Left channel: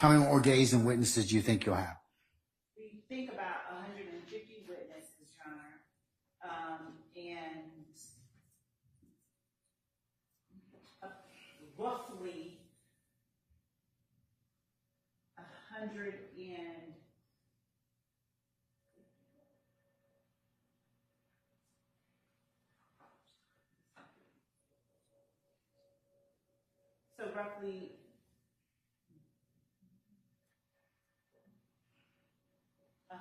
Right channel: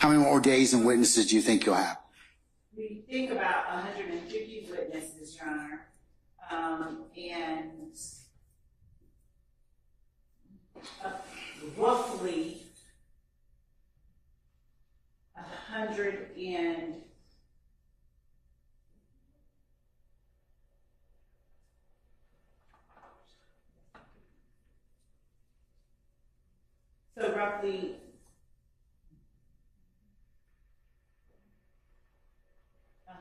How many more days and witnesses do you think you'll have? We think about 150 witnesses, Your Honor, and roughly 100 and so roughly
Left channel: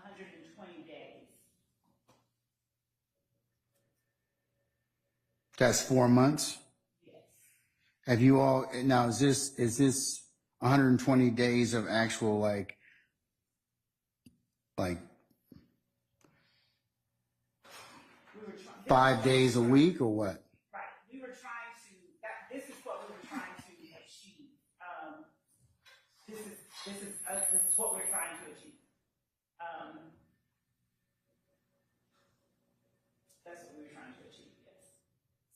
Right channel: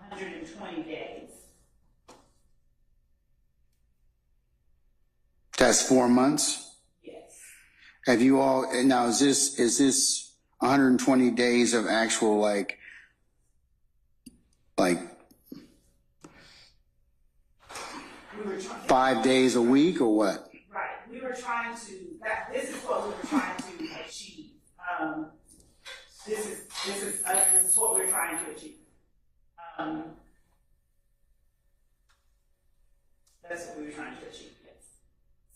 120 days. That's 4 months? Yes. Have you all, now is this 120 days of actual like We were trying 5 days a week or what? Right. We were trying to. This is what we were trying to achieve. This is what we're trying to achieve. That's what we were trying to achieve. Yes.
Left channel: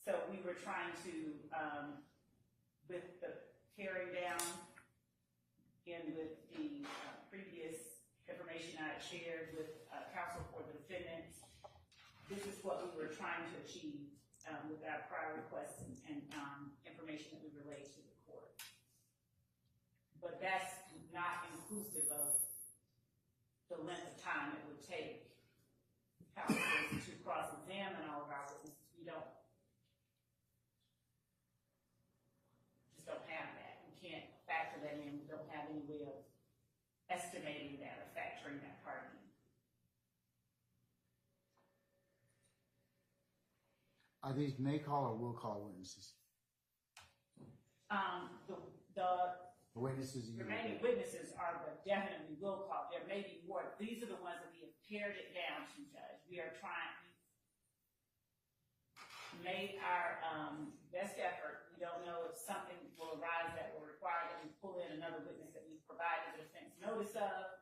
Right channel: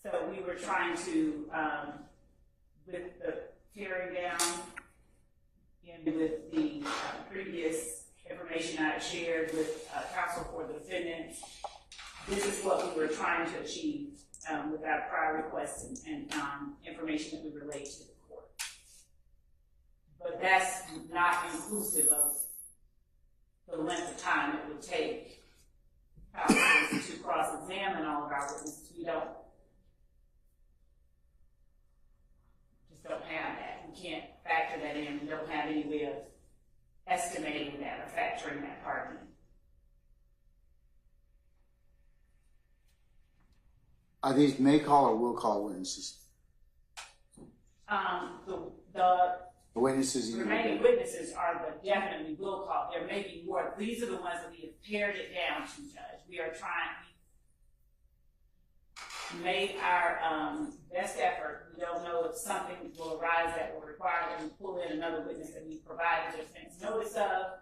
So we were trying to, with the tearing down and with the previous information I shared with counsel for the defendants. This is what we were trying to achieve with our prior requests and information that we relayed to the court. But that's not inclusive of the length of time it would take counsel to cross-examine all of our witnesses. We just don't have that. We can't factor that in. We don't have any way of estimating that or factoring that part in. Are these may call or will call witnesses? The witnesses. The remaining witnesses are the definitely will call. There may be more. These are the ones that we have pared it down to, Judge. We are trying. We made our best effort. We don't know if something will arise that will require that we pull in another witness that we provided the defense notice of,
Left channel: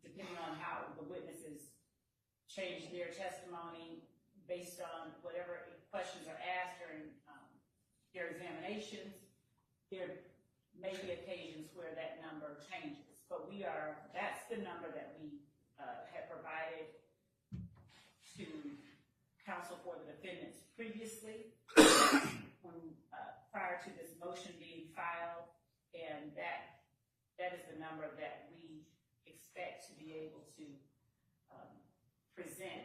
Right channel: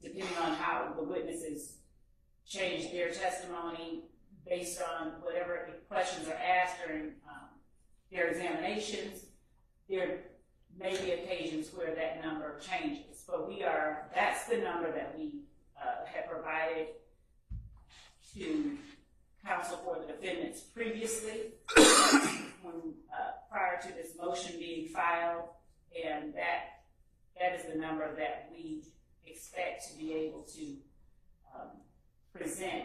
depending on how the witnesses change their testimony based on whatever questions are asked during their examinations. There may be occasions where that number changes, but that's the number that we have provided to counsel for the defendants previously, prior to this motion being filed, and that is the number that we expect to be able to present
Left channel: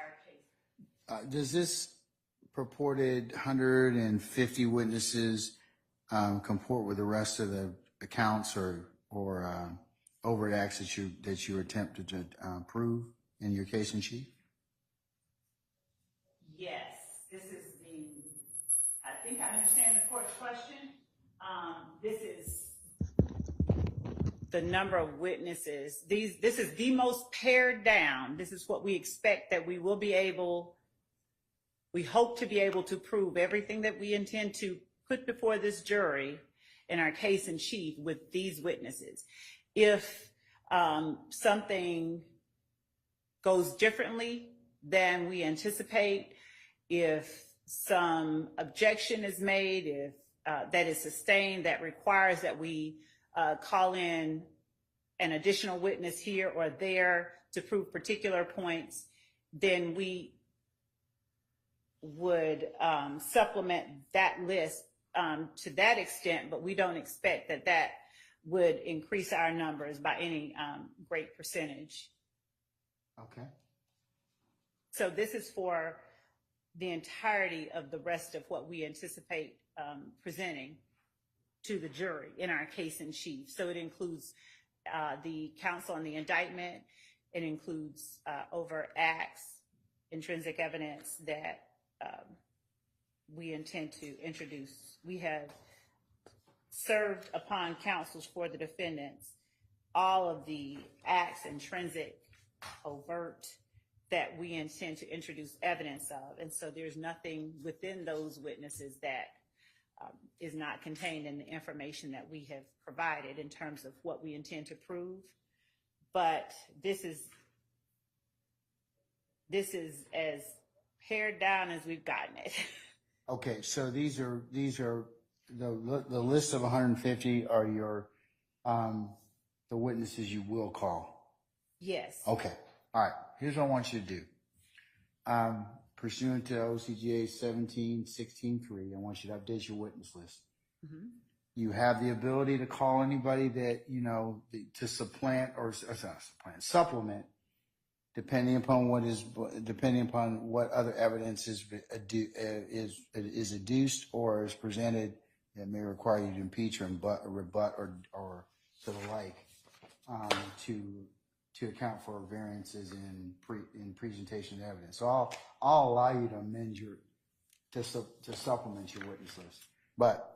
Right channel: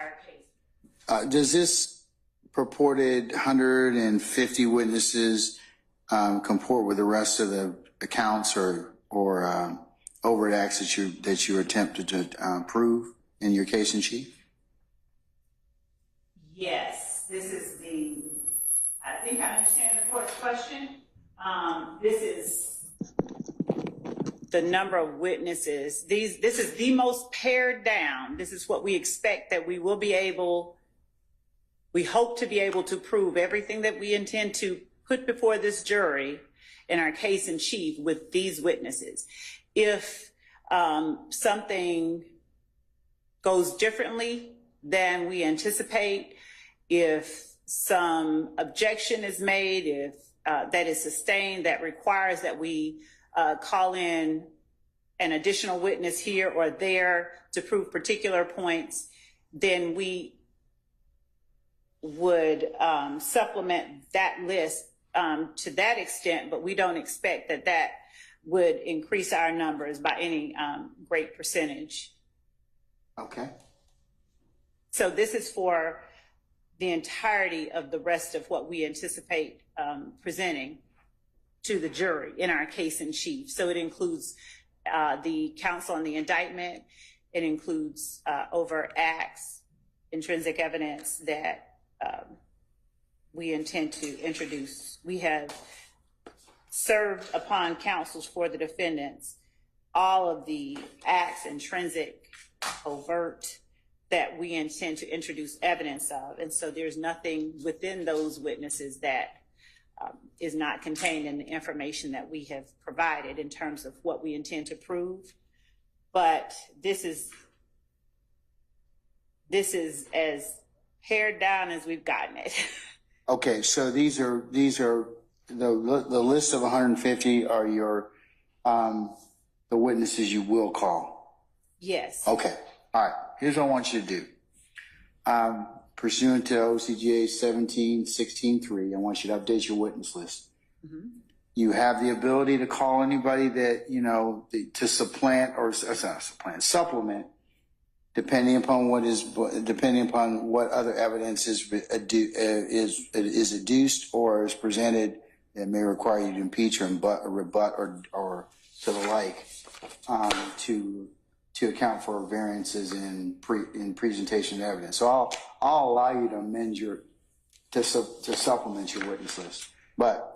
our case. Does this purported 150 witnesses comport with the rest of the accounts or overt acts that you attempted to prove in your case in chief? Yes, this is I think I understand the court's question. This is the number of witnesses. This is the most pared down. This is what we expect that we will be able, we hope to be able to prove everything that we intend to put before this jury in our case in chief with these witnesses. If something goes differently than we anticipate, if some objection is made, if that is sustained, that requires that we call in an additional witness here or there to prove particular points, then we would supplement that list to that extent, but we don't expect that would increase our numbers by any great percentage. Okay. So this is for the entirety of the rest of what we anticipate presenting to the jury in our case in chief. So it includes the counsel on the indictment. It includes overt acts, intrinsic evidence that we intend to introduce. We have served upon counsels for the defendants all of the acts, intrinsic, overt, that we intend to introduce evidence of. And so there's nothing within those witnesses that is not contained in the information that we have provided in terms of what we intend to prove. But this is as pared down as we've gotten it. Okay, so these are the list of 150 are your the witnesses you will call? Yes. Okay. All right. Here's what I want you to do. Pursuant to OCGA 1716.3, I want you to update your witness list. Mm-hmm. You have the ability to call anybody that, you know, to supplement or not supplement, depending upon what other evidence is adduced or is presented that may require you to impeach or rebut or to the like, to account for variances in presentation of evidence. So I'll allow you to amend to supplement your witness list, but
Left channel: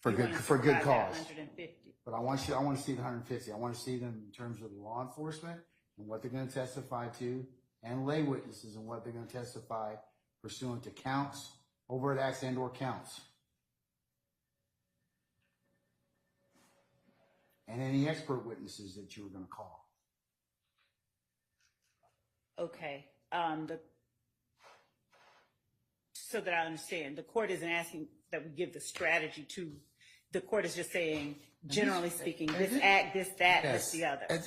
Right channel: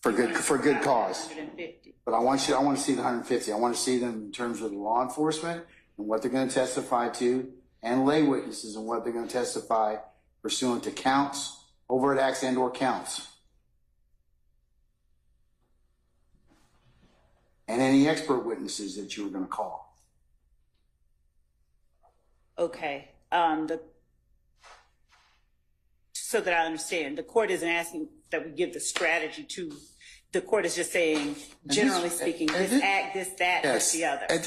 for good cause. 150. But I want to see the 150. I want to see them in terms of law enforcement and what they're going to testify to, and lay witnesses and what they're going to testify pursuant to counts, overt acts, and/or counts. And any expert witnesses that you were going to call. Okay. So that I understand, the court isn't asking that we give the strategy to. The court is just saying, generally speaking, this act, this, that, yes. this, the other. At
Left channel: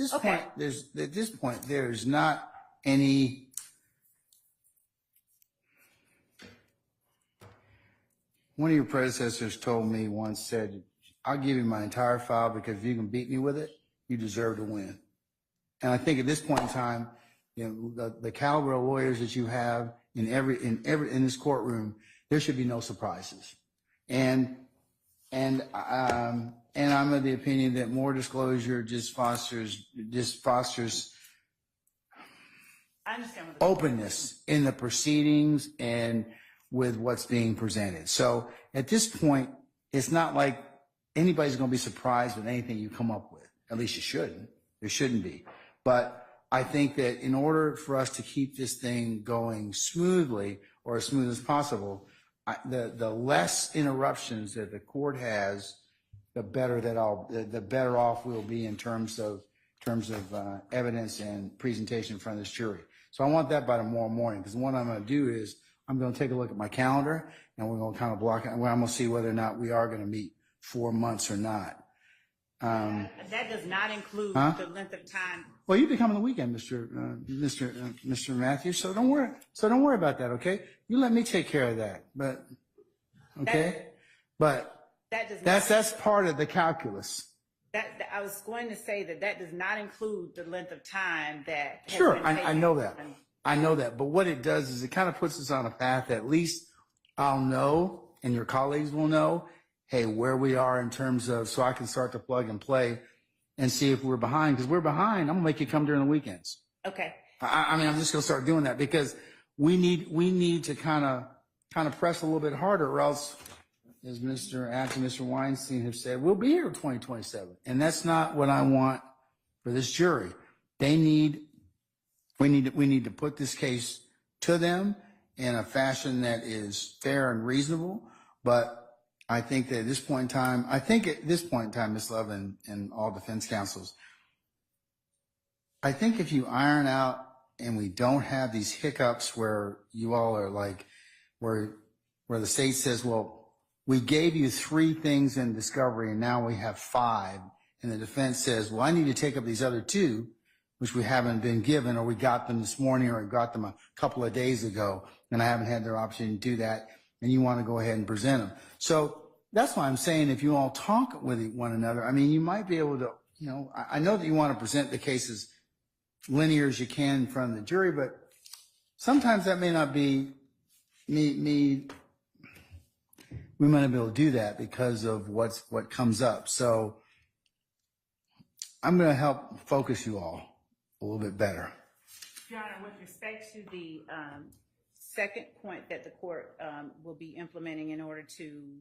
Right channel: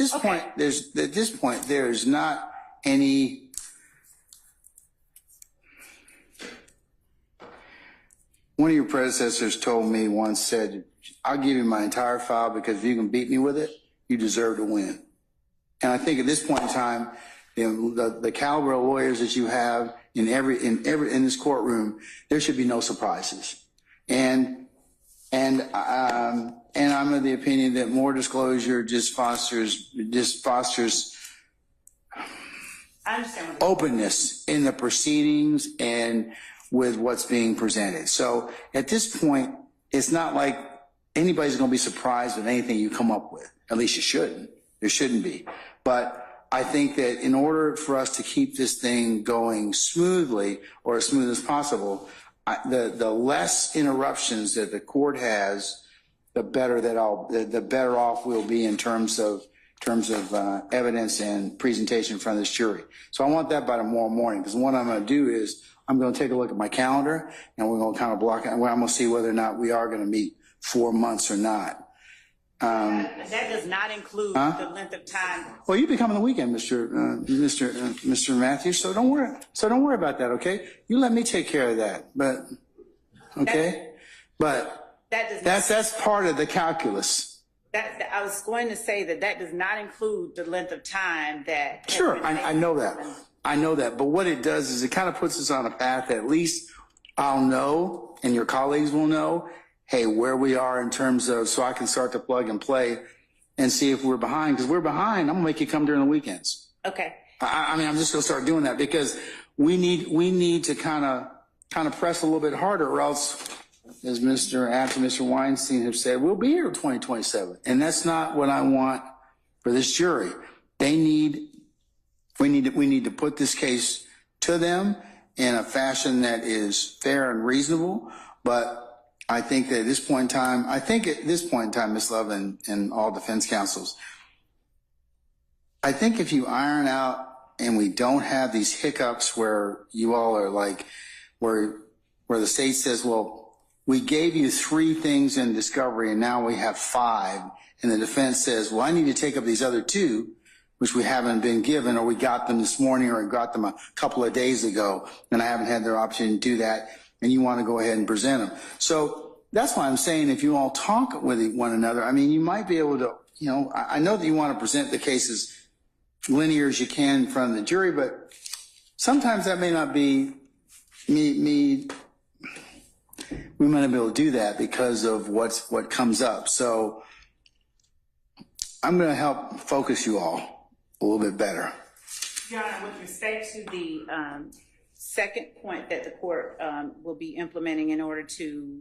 this point, there's not any. One of your predecessors told me once, said, I'll give you my entire file because if you can beat me with it, you deserve to win. And I think at this point in time, you know, the caliber of lawyers that you have in this courtroom, there should be no surprises. And I'm of the opinion that more disclosure just fosters I understand what openness in the proceedings and with what's being presented. So at this point, it's not like anybody's going to be surprised with anything you come up with. At least you shouldn't. There shouldn't be. But I think that in order for us to keep this thing going smoothly, or as smooth as possible, the less interruptions that the court has, the better off we'll be in terms of evidence and presentation in front of this jury. So I want that by tomorrow morning, because what I'm going to do is I'm going to take a look at my calendar and we're going to kind of block it. I'm going to see whether or not we are going to meet 4 months or not. that does not include the length of time. Well, you'll be coming the weekend, Mr. Matthews. So don't worry. About that. Okay. You let me take care of that. But okay. That's part of the calculus. I was going to say that does not include the length of time that. Sure, I know that. I know that. But what it does is it kind of puts us on a path that at least I'll know and your colleagues will know, hey, where we are in terms of, so I can start to plug and play and see if we're behind. Because we're behind, I'm going to make you come during the weekends. Okay. I mean, I'm just going to start doing that because we need to kind of press a little bit harder, or else, as Mr. Weinstein have said, we'll be here in 2027. And that's not what I want for this jury. We need to put this case to them in a fashion that is fair and reasonable. But I think that at this point in time, Ms. Love and all defense counsels, I think if you iron out and we don't have these hiccups where you all are like, where the state says, well, we gave you 3 things in discovery and now we have 5. And the defense says, well, I need to take up these other 2, which we haven't been given, or we got them this morning, or we got them a couple of days ago, and I haven't had their opportunity to do that. And you want to go ahead and present them. So that's why I'm saying if you all talk with one another, I mean, you might be able to, you know, I know that you want to present the cases linear as you can in front of the jury, but sometimes that may not be we might not be able to do that because of what comes up. So I'm going to help focus you all a little bit better. Your Honor, with respect to the second point that the court will be implementing in order to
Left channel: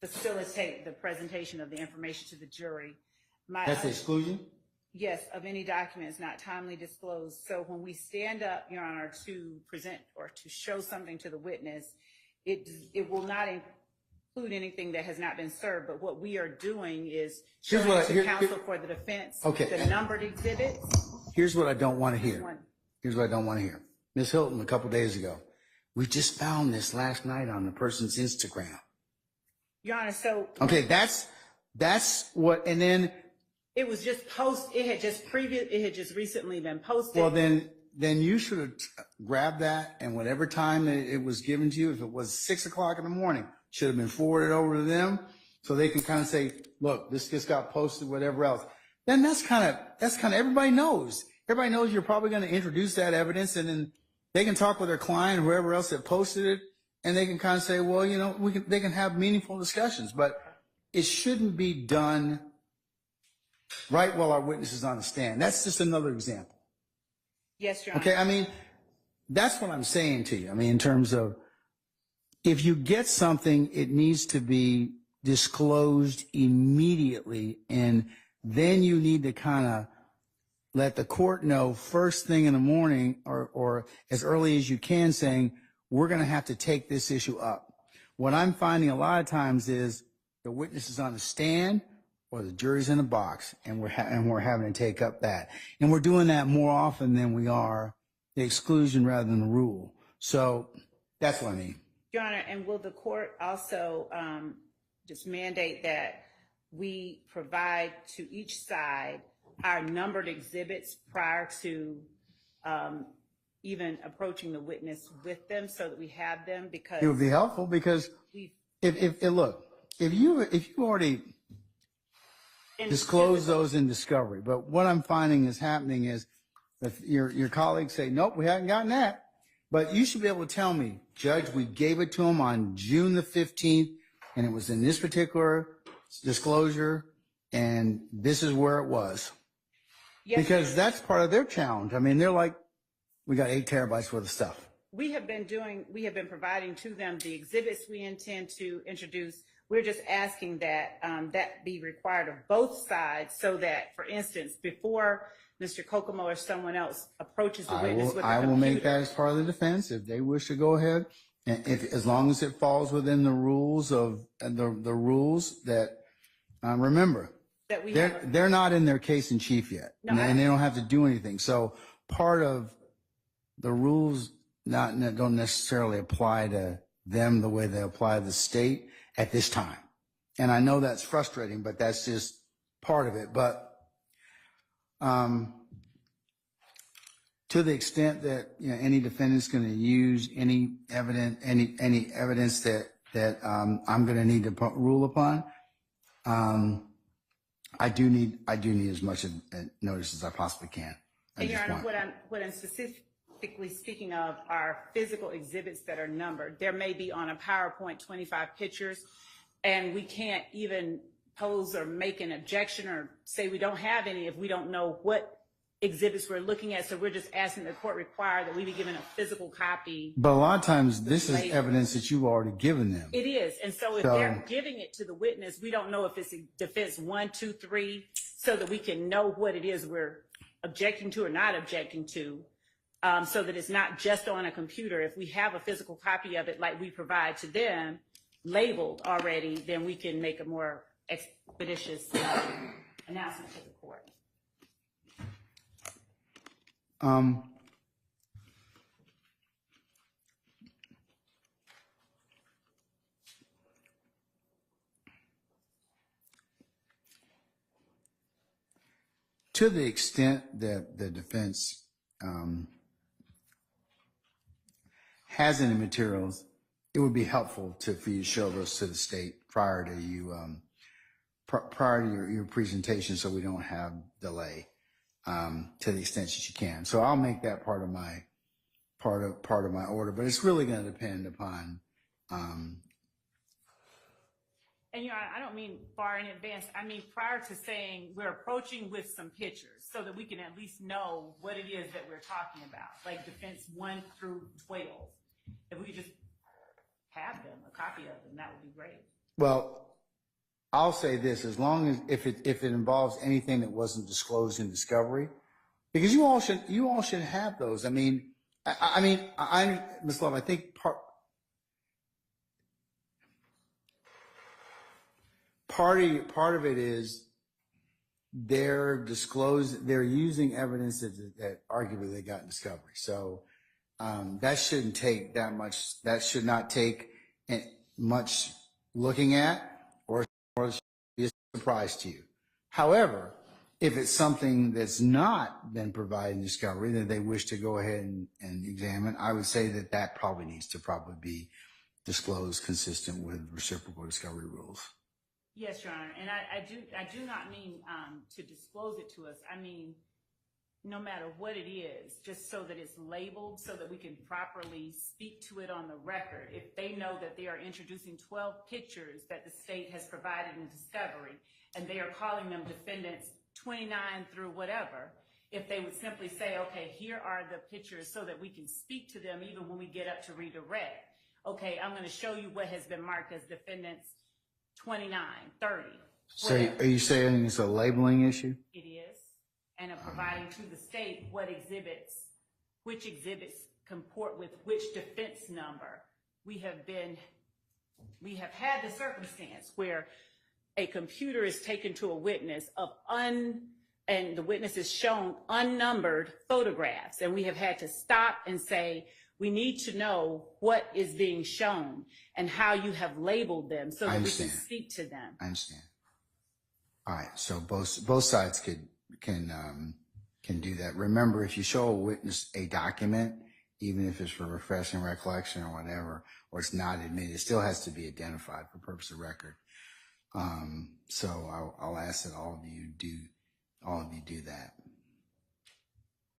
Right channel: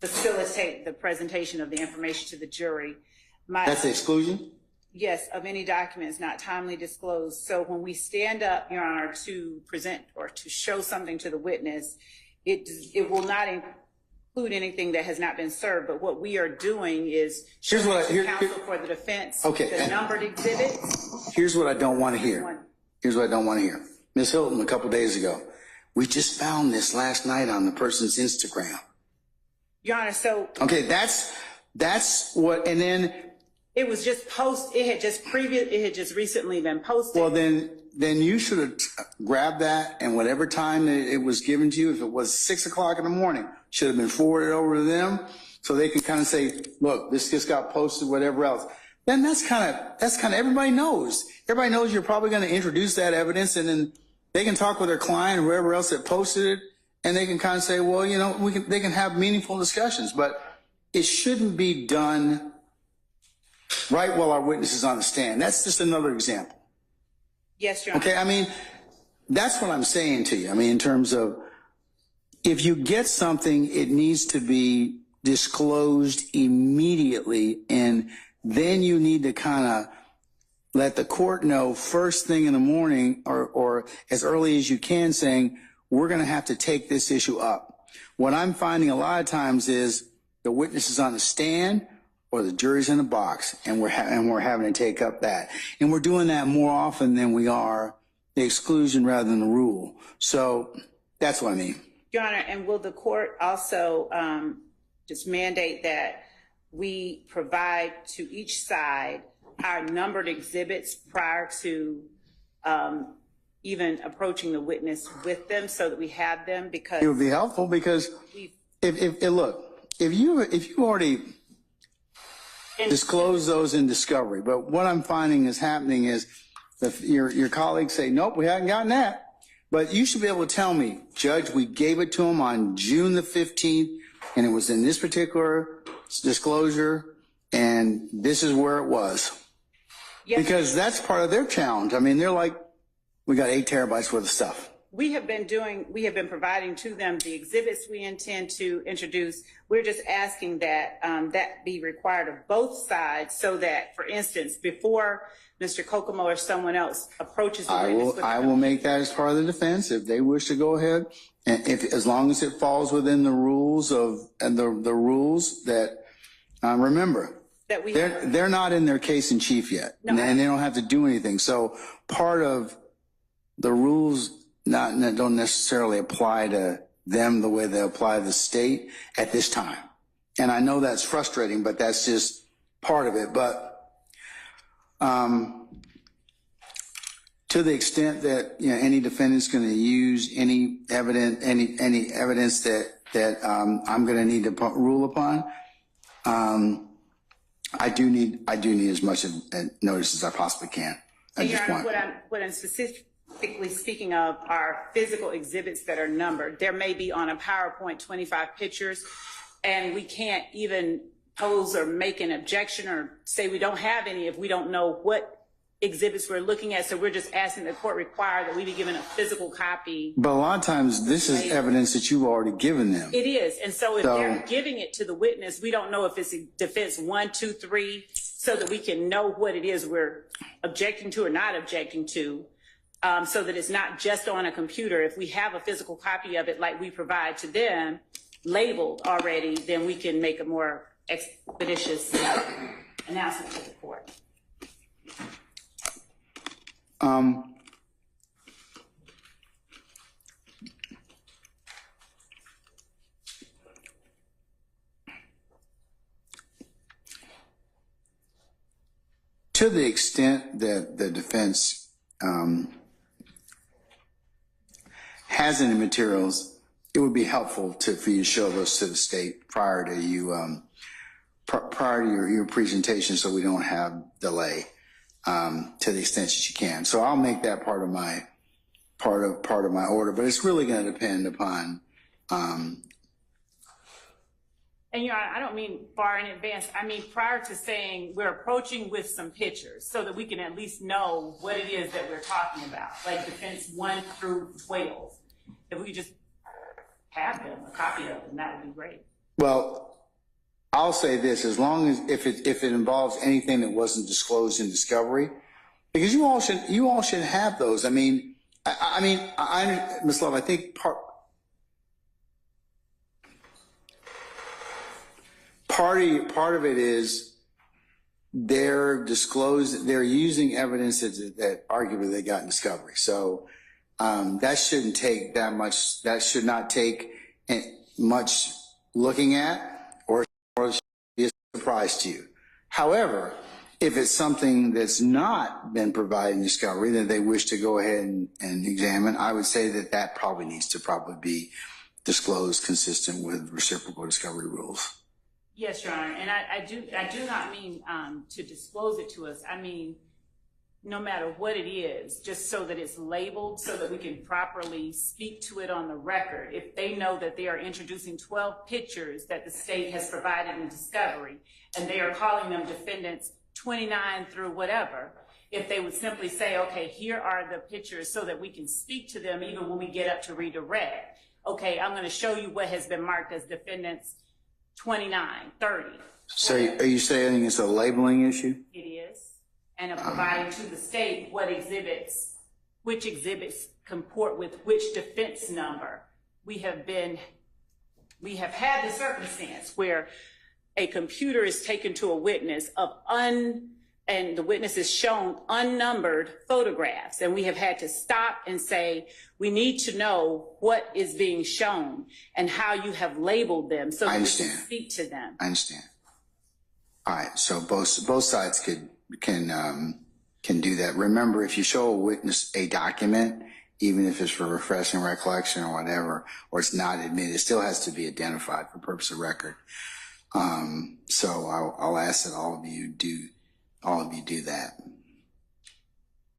facilitate the presentation of the information to the jury. That's the exclusion? Yes, of any documents not timely disclosed. So when we stand up, Your Honor, to present or to show something to the witness, it will not include anything that has not been served. But what we are doing is showing to counsel for the defense the numbered exhibits. Here's what I don't want to hear. Ms. Hilton, a couple days ago, we just found this last night on the person's Instagram. Your Honor, so... Okay, that's That's what, and then, It was just it had just recently been posted. well, then you should have grabbed that, and whatever time that it was given to you, if it was 6 o'clock in the morning, should have been forwarded over to them so they can kind of say, look, this just got posted, whatever else. That's kind of, everybody knows. Everybody knows you're probably going to introduce that evidence, and then they can talk with their client, whoever else that posted it, and they can kind of say, well, you know, they can have meaningful discussions, but it shouldn't be done right while our witness is on the stand. That's just another example. Yes, Your Honor. Okay, I mean, that's what I'm saying to you. I mean, in terms of, if you get something, it needs to be disclosed immediately, and then you need to kind of let the court know first thing in the morning or as early as you can, saying, we're going to have to take this issue up. What I'm finding a lot of times is the witness is on the stand or the jury's in the box, and we're having to take up that. And we're doing that more often than we are the exclusion rather than the rule. So that's what I mean. Your Honor, and will the court also just mandate that we provide to each side our numbered exhibits prior to even approaching the witness with them, so that we have them? Because it would be helpful, because if you already disclose those in discovery, but what I'm finding is happening is that your colleagues say, nope, we haven't gotten that. But you should be able to tell me, Judge, we gave it to him on June the 15th, and it was in this particular disclosure, and this is where it was. Yes. Because that's part of their challenge. I mean, they're like, we got 8 terabytes worth of stuff. We have been providing to them the exhibits we intend to introduce. We're just asking that that be required of both sides, so that, for instance, before Mr. Kokomo or someone else approaches the witness with I will make that as part of the defense if they wish to go ahead, and as long as it falls within the rules of the rules that remember that they're not in their case in chief yet, and they don't have to do anything. So part of the rules don't necessarily apply to them the way they apply to the state at this time. And I know that's frustrating, but that's just part of it. But to the extent that, you know, any defendant's going to use any evidence that I'm going to need to rule upon, I do need as much notice as I possibly can. Your Honor, what I'm specifically speaking of are physical exhibits that are numbered. There may be on a PowerPoint 25 pictures, and we can't even pose or make an objection or say we don't have any if we don't know what exhibits we're looking at. So we're just asking the court require that we be given a physical copy. But a lot of times this is evidence that you've already given them. It is. And so if they're giving it to the witness, we don't know if it's defense 1, 2, 3, so that we can know what it is we're objecting to or not objecting to. So that it's not just on a computer. If we have a physical copy of it, like we provide to them, labeled already, then we can make a more expeditious announcement to the court. To the extent that the defense has any materials, it would be helpful for you to show those to the state prior to your presentation, so we don't have delay, to the extent that you can. So I'll make that part of my order, but it's really going to depend upon. And I don't mean far in advance. I mean prior to saying we're approaching with some pictures, so that we can at least know what it is that we're talking about, like defense 1 through 12. If we just have them, a copy of them, that would be great. Well, I'll say this: as long as if it involves anything that wasn't disclosed in discovery, because you all should have those. I mean, Ms. Love, I think part of it is they're using evidence that arguably they got in discovery. So that shouldn't take that much. That should not take much looking at, or be a surprise to you. However, if it's something that's not been provided in discovery that they wish to go ahead and examine, I would say that that probably needs to be disclosed consistent with reciprocal discovery rules. Yes, Your Honor, and I do not mean to disclose it to us. I mean, no matter what it is, just so that it's labeled, so that we can properly speak to it on the record. If they know that they are introducing 12 pictures that the state has provided in discovery, and they are calling them defendants 29 through whatever, if they would simply say, okay, here are the pictures so that we can speak to them even when we get up to redirect. Okay, I'm going to show you what has been marked as defendants 29, 30. So are you saying it's a labeling issue? It is. And of providing to the state which exhibits comport with which defense number. We have had the circumstance where a computer is taken to a witness and the witness is shown unnumbered photographs, and we have had to stop and say, we need to know what is being shown and how you have labeled them so that we can speak to them. I understand. All right, so both sides can do that. Remember, if you show a witness a document, even if it's for refreshing recollection or whatever, or it's not admitted, it still has to be identified for purpose of record. So I'll ask that all of you do that.